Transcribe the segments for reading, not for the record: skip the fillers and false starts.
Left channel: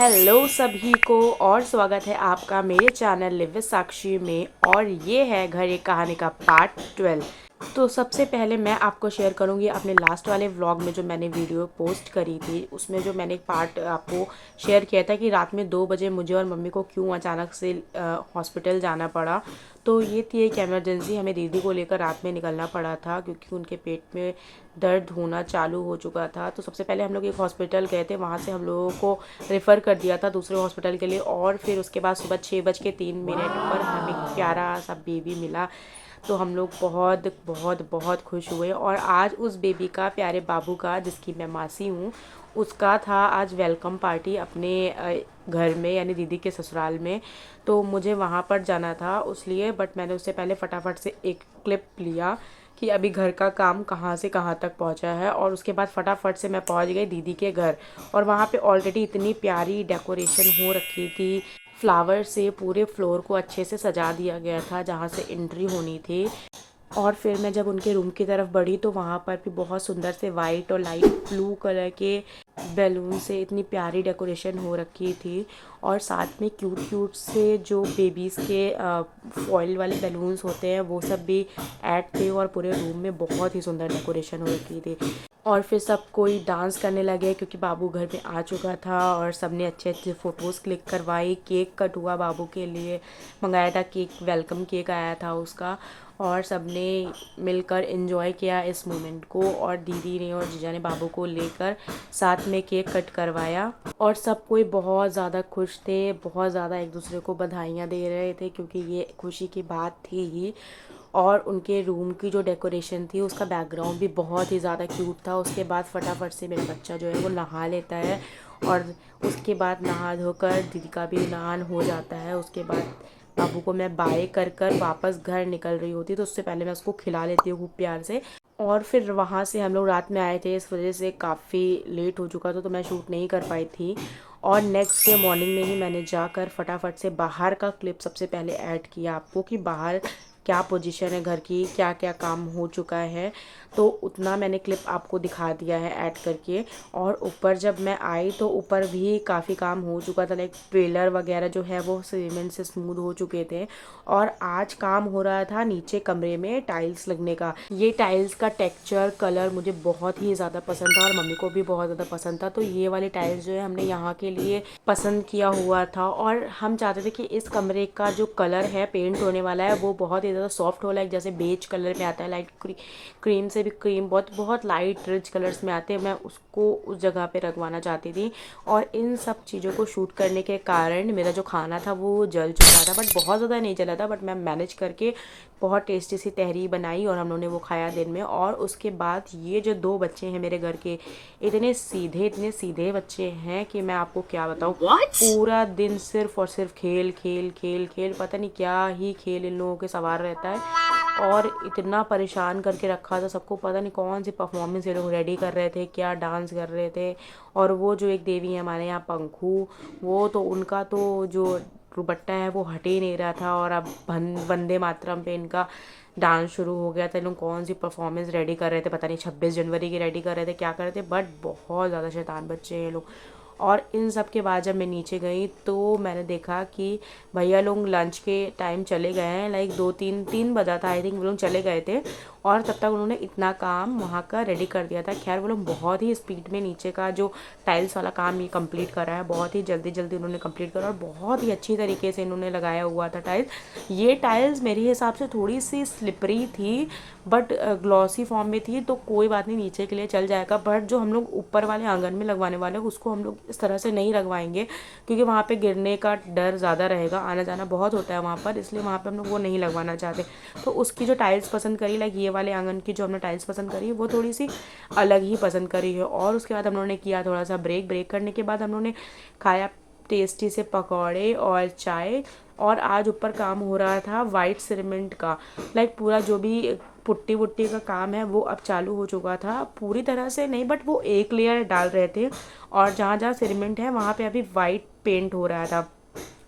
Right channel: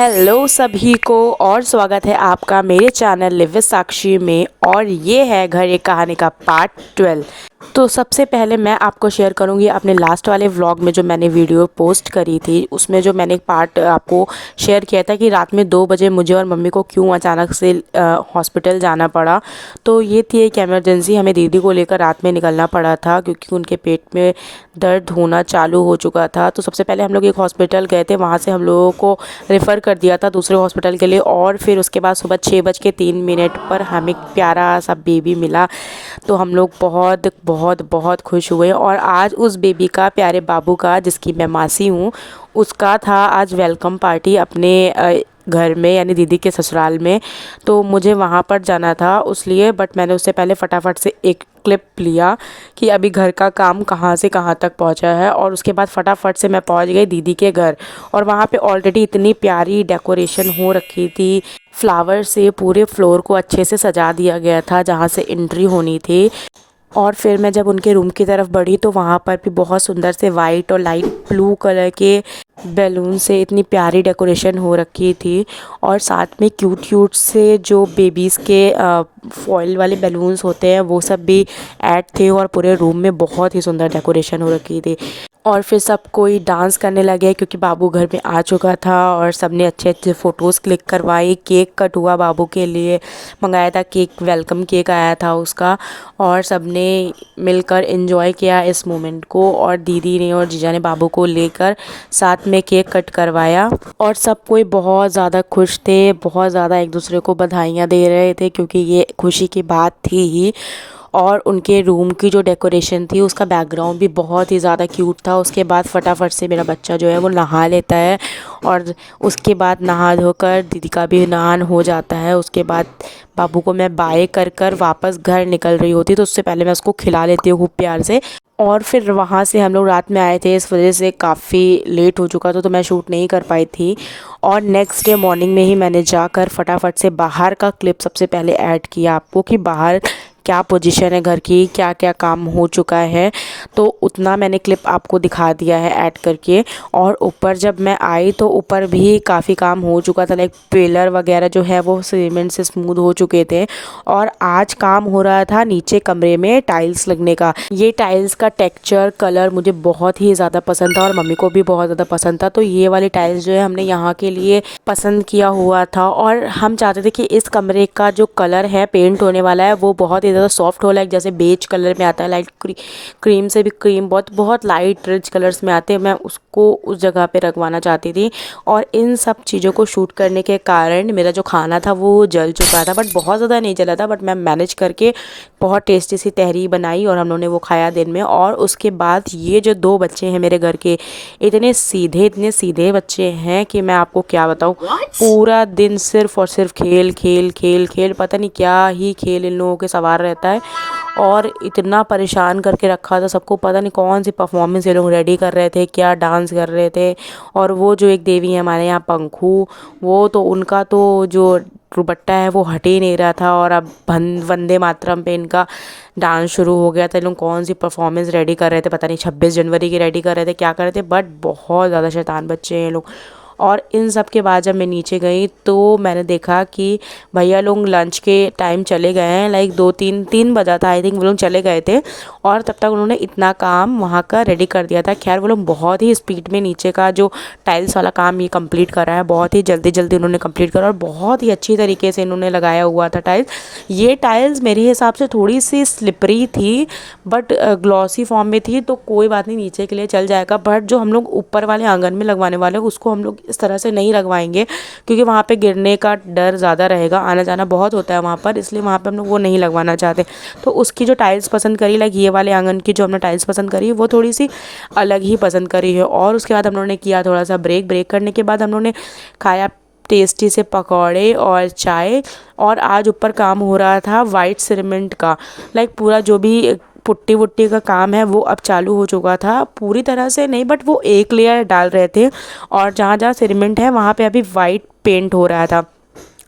Hello सभी को और स्वागत है आपका मेरे चैनल लिव विद साक्षी में। और ये है घर एक कहानी का पार्ट 12। तो सबसे पहले मैं आपको शेयर करूंगी अपने लास्ट वाले व्लॉग में जो मैंने वीडियो पोस्ट करी थी, उसमें जो मैंने पार्ट आपको शेयर किया था कि रात में 2 बजे मुझे और मम्मी को क्यों अचानक से हॉस्पिटल जाना पड़ा। तो ये थी एक इमरजेंसी, हमें दीदी को लेकर रात में निकलना पड़ा था क्योंकि उनके पेट में दर्द होना चालू हो चुका था। तो सबसे पहले हम लोग एक हॉस्पिटल गए थे, वहाँ से हम लोगों को रेफ़र कर दिया था दूसरे हॉस्पिटल के लिए। और फिर उसके बाद सुबह 6:03 पर हमें प्यारा सा बेबी मिला। तो हम लोग बहुत बहुत बहुत खुश हुए। और आज उस बेबी का, प्यारे बाबू का, जिसकी मैं मासी हूँ, उसका था आज वेलकम पार्टी अपने घर में, यानी दीदी के ससुराल में। तो मुझे वहाँ पर जाना था उसलिए, बट मैंने उससे पहले फटाफट से एक क्लिप लिया कि अभी घर का काम कहाँ से कहाँ तक पहुँचा है। और उसके बाद फटाफट से मैं पहुँच गई दीदी के घर। और वहाँ पे ऑलरेडी इतनी प्यारी डेकोरेशन हो रखी थी, फ्लावर से पूरे फ्लोर को अच्छे से सजा दिया गया था जहाँ से एंट्री होनी थी। और फिर मैं जब उनके रूम की तरफ बढ़ी तो वहाँ पर भी बहुत सुंदर से वाइट और लाइट ब्लू कलर के बैलून से इतनी प्यारी डेकोरेशन हो रखी थी। और साथ में क्यूट क्यूट से जो बेबीज़ के फॉइल वाले बैलून्स होते हैं वो सब भी ऐड थे। और पूरे रूम में बहुत ही सुंदर डेकोरेशन हो रखी थी। और फिर सब कोई डांस करने लगे क्योंकि बाबू घर में आ चुका था। और सबने अच्छे अच्छे फ़ोटोज़ क्लिक करवाई। केक कट हुआ, बाबू के लिए मंगाया था केक, वेलकम केक आया था उसका। और सबने मिलकर एंजॉय किया इस मोमेंट को। और दीदी ने और जीजा ने बाबू को लेकर साथ में केक कट करवाया। और सब कोई बहुत ज़्यादा खुश थे, बहुत ज़्यादा एक दूसरे को बधाइयाँ दे रहे थे क्योंकि ये खुशी की बात थी ही। और उनके रूम की जो डेकोरेशन थी उसका बैकग्राउंड भी बहुत ही ज़्यादा क्यूट था। उसके बाद फटाफट से मेरा बच्चा जो है वो नहा लेता है। और उसके बाद नहा धोकर दीदी का भी नहान हो जाता है। उसके बाद बाबू को मैं बाय कर कर वापस घर निकल रही होती तो उससे पहले मैं उसको खिला लेती हूँ खूब प्यार से। और फिर वहाँ से हम लोग रात में आए थे, इस वजह से काफ़ी लेट हो चुका था तो मैं शूट नहीं कर पाई थी। और नेक्स्ट डे मॉर्निंग में ही मैंने जाकर फटाफट से बाहर का क्लिप सबसे पहले ऐड किया आपको कि बाहर क्या पोजीशन है घर की, क्या क्या काम हो चुका है। तो उतना मैंने क्लिप आपको दिखा दिया है ऐड करके। और ऊपर जब मैं आई तो ऊपर भी काफ़ी काम हो चुका था, लाइक पिलर वगैरह जो है वो सीमेंट से स्मूथ हो चुके थे। और आज काम हो रहा था नीचे कमरे में टाइल्स लगने का। ये टाइल्स का टेक्सचर, कलर मुझे बहुत ही ज़्यादा पसंद था और मम्मी को भी बहुत ज़्यादा पसंद था। तो ये वाली टाइल्स जो है हमने यहाँ के लिए पसंद किया हुआ था। और हम चाहते थे कि इस कमरे का जो कलर है पेंट होने वाला है वो बहुत ही ज़्यादा सॉफ्ट हो, लाइक जैसे बेज कलर में आता है, लाइट क्रीम से भी क्रीम, बहुत बहुत लाइट रिच कलर्स में आते हैं। मैं उसको उस जगह पे रखवाना चाहती थी। और इन सब चीज़ों को शूट करने के कारण मेरा जो खाना था वो जल चुका था, बट बहुत ज़्यादा नहीं जला था। बट मैं मैनेज करके बहुत टेस्टी सी तहरी बनाई और हम लोगों ने वो खाया दिन में। और उसके बाद ये जो 2 बच्चे हैं मेरे घर के, इतने सीधे बच्चे हैं कि मैं आपको क्या बताऊँ। पूरा दिन सिर्फ और सिर्फ खेल खेल खेल खेल, पता नहीं क्या ही खेल इन लोगों के सवार रहता है। और इतना परेशान करके रखा था सबको, पता नहीं कौन सी परफॉर्मेंस ये लोग रेडी कर रहे थे, क्या डांस कर रहे थे। और वो जो एक देवी है हमारे यहाँ पंखू, वो तो उनका तो जो दुपट्टा है वो हट ही नहीं रहा था। और अब वंदे मातरम पे इनका डांस शुरू हो गया था। इन लोग कौन सी परफॉर्मेंस रेडी कर रहे थे, पता नहीं 26 जनवरी की रेडी कर रहे थे, क्या कर रहे थे, बट बहुत ज़्यादा शैतान बच्चे हैं ये लोग। और इन सब के बाद जब मैं नीचे गई तो मैंने देखा कि भैया लोग लंच के टाइम चले गए हैं, लाइक 2-3 बजा था आई थिंक, वो लोग चले गए थे। और तब तक उन्होंने इतना काम वहाँ का रेडी कर दिया था। खैर वो लोग बहुत ही स्पीड में नीचे का जो टाइल्स वाला काम ये कंप्लीट करा है, बहुत ही जल्दी जल्दी उन्होंने कंप्लीट करा और बहुत ही अच्छी तरीके से इन्होंने लगाया हुआ था टाइल्स। ये टाइल्स मेरे हिसाब से थोड़ी सी स्लिपरी थी, बट ग्लॉसी फॉर्म में थी, तो कोई बात नहीं, नीचे के लिए चल जाएगा। बट जो हम लोग ऊपर वाले आंगन में लगवाने वाले हैं उसको हम लोग इस तरह से नहीं लगवाएंगे क्योंकि वहाँ पे गिरने का डर ज़्यादा रहेगा, आना जाना बहुत होता है वहाँ पर, इसलिए वहाँ पे हम लोग वो नहीं लगवाना चाहते। तो उसकी जो टाइल्स पसंद करी, लाइक ये वाले आंगन की जो हमने टाइल्स पसंद करी वो थोड़ी सी अलग ही पसंद करी है। और उसके बाद हम लोगों ने किया थोड़ा सा ब्रेक करने के बाद हम लोगों ने खाया टेस्टी से पकौड़े और चाय। और आज ऊपर काम हो रहा था वाइट सीमेंट का, लाइक पूरा जो भी पुट्टी वुट्टी का काम है वो अब चालू हो चुका था, पूरी तरह से नहीं बट वो एक लेयर डाल रहे थे। और जहाँ जहाँ सीमेंट है वहाँ पे अभी वाइट पेंट हो रहा था।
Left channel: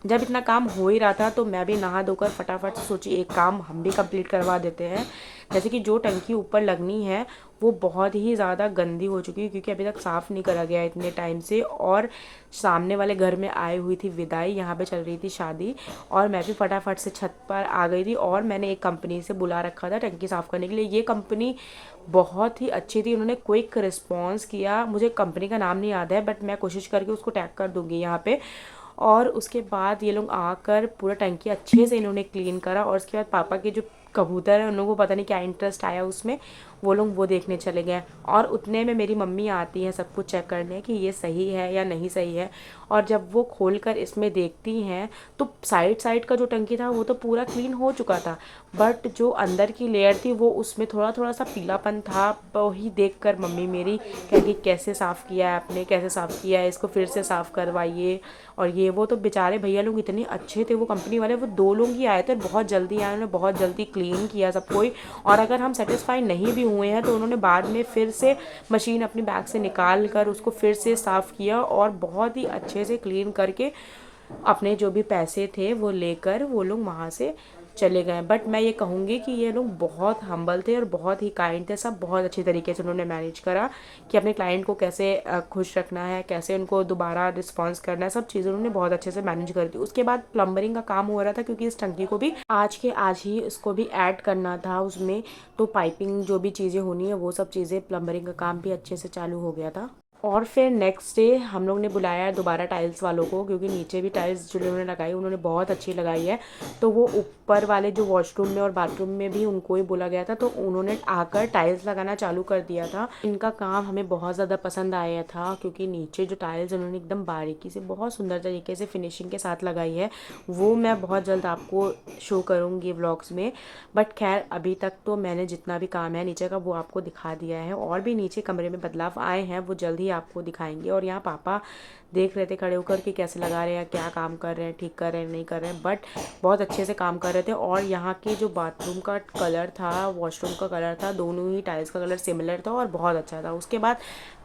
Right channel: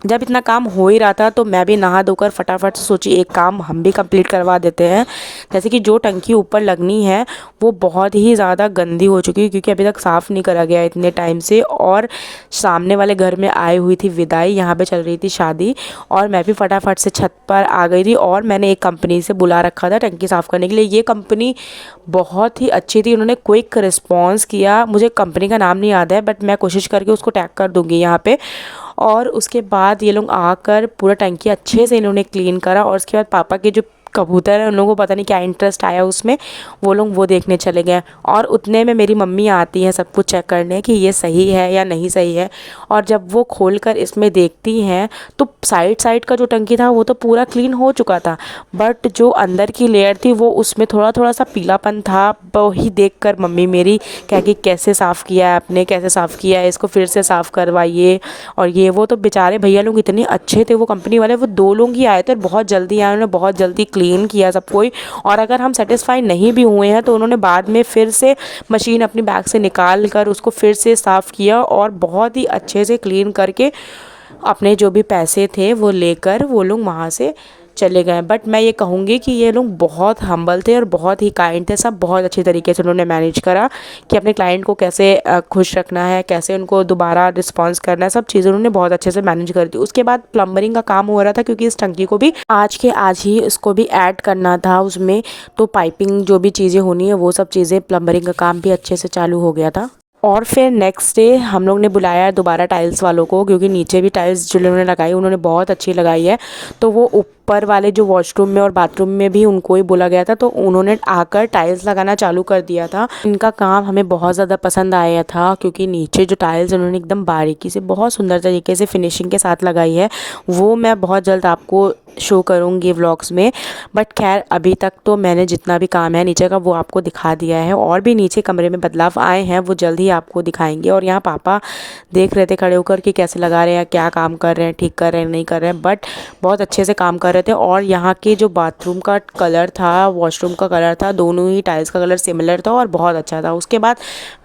जब इतना काम हो ही रहा था तो मैं भी नहा धोकर फटाफट से सोची एक काम हम भी कंप्लीट करवा देते हैं। जैसे कि जो टंकी ऊपर लगनी है वो बहुत ही ज़्यादा गंदी हो चुकी है, क्योंकि अभी तक साफ़ नहीं करा गया इतने टाइम से। और सामने वाले घर में आई हुई थी विदाई, यहाँ पे चल रही थी शादी, और मैं भी फटाफट से छत पर आ गई थी। और मैंने एक कंपनी से बुला रखा था टंकी साफ़ करने के लिए। ये कंपनी बहुत ही अच्छी थी, उन्होंने क्विक रिस्पॉन्स किया। मुझे कंपनी का नाम नहीं याद है, बट मैं कोशिश करके उसको टैग कर दूँगी यहाँ पे। और उसके बाद ये लोग आकर पूरा टंकी अच्छे से इन्होंने क्लीन करा। और उसके बाद पापा के जो कबूतर है उन लोगों को पता नहीं क्या इंटरेस्ट आया उसमें, वो लोग वो देखने चले गए। और उतने में मेरी मम्मी आती हैं सब कुछ चेक करने कि ये सही है या नहीं सही है। और जब वो खोल कर इसमें देखती हैं तो साइड साइड का जो टंकी था वो तो पूरा क्लीन हो चुका था, बट जो अंदर की लेयर थी वो उसमें थोड़ा थोड़ा सा पीलापन था। वही देख कर मम्मी मेरी कह कि कैसे साफ़ किया है आपने, कैसे साफ़ किया है, इसको फिर से साफ़ करवाइए। और ये वो तो बेचारे भैया लोग इतने अच्छे थे, वो कंपनी वाले, वो 2 लोग ही आए थे और बहुत जल्दी आए, उन्होंने बहुत जल्दी क्लीन किया सब कोई। और अगर हम सेटिस्फाई नहीं भी हुए हैं तो उन्होंने बाद में फिर से मशीन अपनी बैग से निकाल कर उसको फिर से साफ़ किया और बहुत ही अच्छे से क्लीन करके अपने जो भी पैसे थे वो लेकर वो लोग वहाँ से चले गए। बट मैं ये कहूँगी कि ये लोग बहुत हम्बल थे और बहुत ही काइंड थे। सब बहुत अच्छी तरीके से उन्होंने मैनेज करा कि अपने क्लाइंट को कैसे खुश रखना है, कैसे उनको दोबारा रिस्पॉन्स करना है, सब चीज़ें उन्होंने बहुत अच्छे से मैनेज कर दी। उसके बाद प्लम्बरिंग का काम हो रहा था, क्योंकि इस टंकी को भी आज के आज ही इसको भी ऐड करना था उसमें। तो पाइपिंग जो भी चीज़ें होनी है वो सब चीज़ें, प्लम्बरिंग का काम भी अच्छे से चालू हो गया था। और फिर नेक्स्ट डे हम लोग ने बुलाया दोबारा टाइल्स वालों को, क्योंकि नीचे भी टाइल्स जो उन्होंने लगाई उन्होंने बहुत अच्छी लगाई है। तो वो ऊपर वाले जो वॉशरूम में और बाथरूम में भी उनको ही बोला गया था, तो उन्होंने आकर टाइल्स लगाना चालू कर दिया था। इनका काम हमें बहुत ज़्यादा पसंद आया था, क्योंकि नीचे जो टाइल्स उन्होंने एकदम बारीकी से बहुत सुंदर तरीके से फिनिशिंग के साथ लगाई है। वो मैं बहुत जल्द आपको शो करूँगी व्लॉग्स में। बट खैर अभी तक तो मैंने जितना भी काम है नीचे का वो आपको दिखा दिया है, और भी नीचे कमरे में बदलाव आए हैं वो जल्द ही आपको दिखाएंगे। और यहाँ पापा देख रहे थे खड़े होकर कि कैसे लगा रहे हैं, क्या काम कर रहे हैं, ठीक कर रहे हैं, नहीं कर रहे हैं, बट बहुत अच्छे से काम कर रहे थे। और यहाँ के जो बाथरूम का कलर था, वॉशरूम का कलर था, दोनों ही टाइल्स का कलर सिमिलर था और बहुत अच्छा था। उसके बाद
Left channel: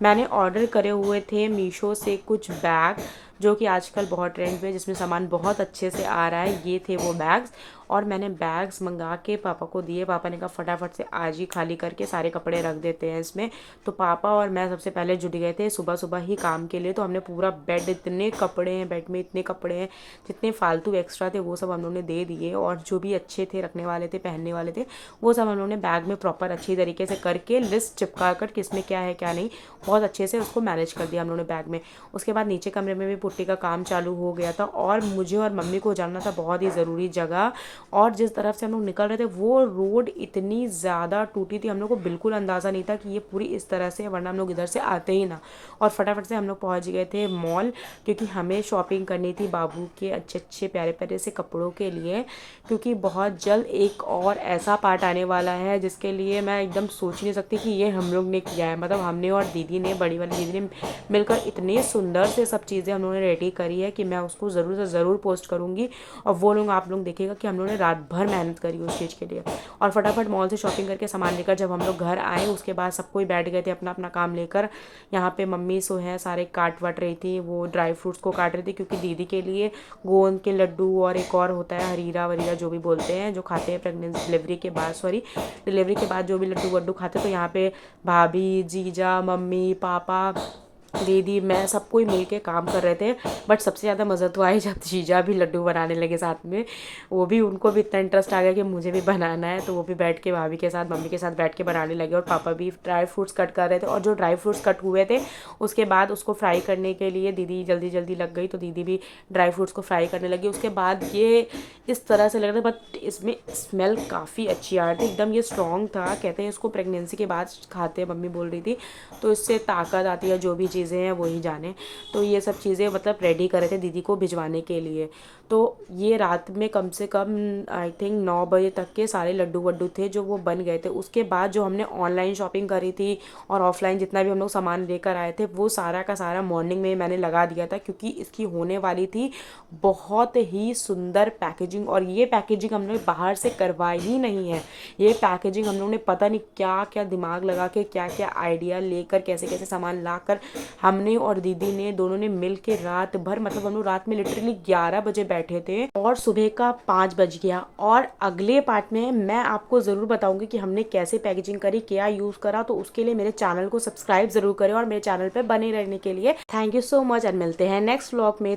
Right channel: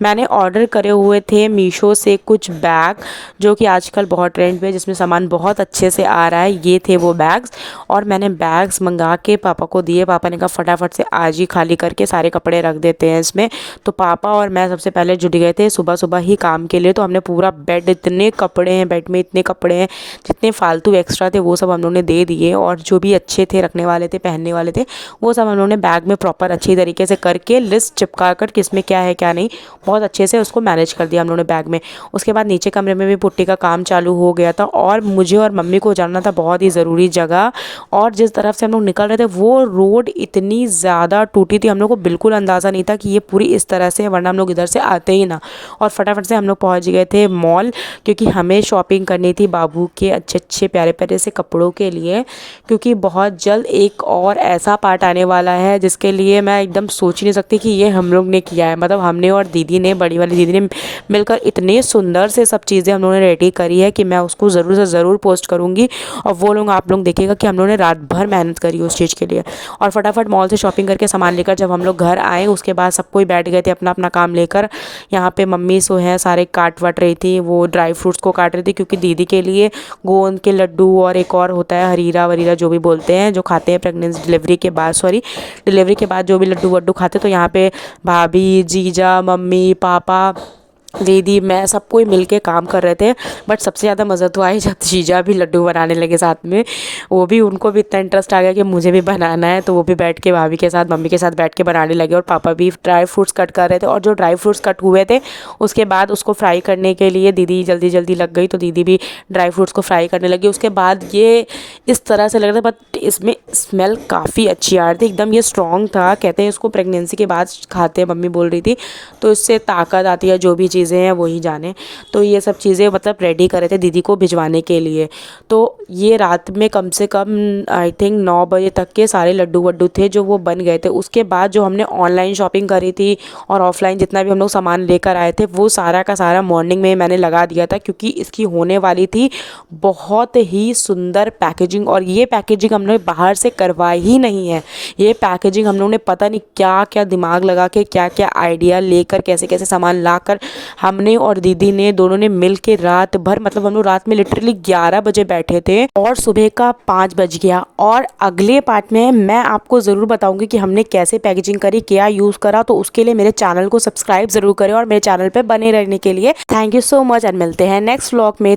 मैंने ऑर्डर करे हुए थे मीशो से कुछ बैग, जो कि आजकल बहुत ट्रेंड पे, जिसमें सामान बहुत अच्छे से आ रहा है। ये थे वो बैग्स, और मैंने बैग्स मंगा के पापा को दिए। पापा ने कहा फटाफट से आज ही खाली करके सारे कपड़े रख देते हैं इसमें। तो पापा और मैं सबसे पहले जुट गए थे सुबह सुबह ही काम के लिए। तो हमने पूरा बेड, इतने कपड़े हैं बेड में, इतने कपड़े हैं, जितने फालतू एक्स्ट्रा थे वो सब हम लोगों ने दे दिए, और जो भी अच्छे थे रखने वाले थे, पहनने वाले थे, वो सब हम लोगों ने बैग में प्रॉपर अच्छी तरीके से करके लिस्ट चिपका कर किसमें क्या है क्या नहीं, बहुत अच्छे से उसको मैनेज कर दिया हम लोगों ने बैग में। उसके बाद नीचे कमरे में भी पुट्टी का काम चालू हो गया था, और मुझे और मम्मी को जाना था बहुत ही ज़रूरी जगह। और जिस तरफ से हम लोग निकल रहे थे वो रोड इतनी ज़्यादा टूटी थी, हम लोग को बिल्कुल अंदाज़ा नहीं था कि ये पूरी इस तरह से, वरना हम लोग इधर से आते ही ना। और फटाफट से हम लोग पहुंच गए थे मॉल, क्योंकि हमें शॉपिंग करनी थी बाबू के अच्छे अच्छे प्यारे प्यारे से कपड़ों के लिए। क्योंकि बहुत जल्द एक और ऐसा पार्ट आने वाला है जिसके लिए मैं एकदम सोच नहीं सकती कि ये हम लोग ने किया है। मतलब हमने और दीदी ने, बड़ी वाली दीदी ने मिलकर इतने सुंदर से सब चीज़ें हम लोगों ने रेडी करी है कि मैं उसको ज़रूर से ज़रूर पोस्ट करूँगी। और वो लोग, आप लोग देखिएगा कि हम लोगों ने रात भर मेहनत करी उस चीज़ के लिए। और फटाफट मॉल से शॉपिंग करके सामान लेकर जब हम लोग घर आए, उसके बाद सब कोई बैठ गए थे अपना अपना काम लेकर। यहाँ पे मम्मी सो है सारे काट वट रही थी, वो ड्राई फ्रूट्स को काट रही थी, क्योंकि दीदी के लिए गोंद के लड्डू और एक और होता है हरीरा वरीरा जो भी बोलते हैं, जो खाते हैं प्रेगनेंसी डिलीवरी के बाद जो भी लड्डू वड्डू खाते। तो यहाँ पे भाभी, जीजा, मम्मी, पापा, दीदी, मैं सब कोई मिल के काम कर रहे थे। बट सबसे ज़्यादा मज़ा तो आई जब जीजा भी लड्डू बनाने लगे साथ में। वो भी, उनको भी इतना इंटरेस्ट आ गया कि मुझे भी बनाना है, तो वो भी बैठ के भाभी के साथ, मम्मी के साथ बैठ के बनाने लगे। और पापा भी ड्राई फ्रूट्स कट कर रहे थे, और जो ड्राई फ्रूट्स कट हुए थे उसके बाद उसको फ्राई करने के लिए दीदी जल्दी जल्दी लग गई, तो दीदी भी ड्राई फ्रूट्स को फ्राई करने लगी। उसके बाद ये इस तरह से लग रहा था, बट इसमें स्मेल काफ़ी अच्छी आ रही थी, एकदम ये स्ट्रॉन्ग था। कहते हैं इसको प्रेगनेंसी के बाद खाते हैं, मम्मी बोल रही थी, तो इससे ताकत आती है, जो भी चीज़ें हैं वही जाने। तो ये सब चीज़ें मतलब रेडी कर रहे थे दीदी को भिजवाने के लिए। तो ये रात में कम से कम आई थिंक 9 बजे तक के सारे लड्डू वड्डू थे जो वो बन गए थे। उसके बाद जो हमने ऑनलाइन शॉपिंग करी थी और ऑफलाइन जितना भी हम लोग सामान लेकर आए थे, वो सारा का सारा मॉर्निंग में मैंने लगा दिया था, क्योंकि इसकी होने वाली थी बहुत ही सुंदर पैकेजिंग। और ये पैकेजिंग हम लोग बाहर से करवाई ही नहीं है, ये पैकेजिंग हम लोग ने पता नहीं क्या क्या दिमाग लगा के, क्या क्या आइडिया लेकर, कैसे कैसे सामान ला कर हमने और दीदी ने दोनों ने मिल के रात भर, मतलब हम लोग रात में लिटरली 11 बजे बैठे थे और सुबह का 5 बज गया। और अगले पार्ट में मैं आपको ज़रूर बताऊंगी कि हमने कैसे पैकेजिंग करी, क्या यूज़ करा। तो उसके लिए मेरे चैनल को सब्सक्राइब ज़रूर करें और मेरे चैनल पर बने रहने के लिए thank you so much. And मिलते हैं नेक्स्ट व्लॉग में।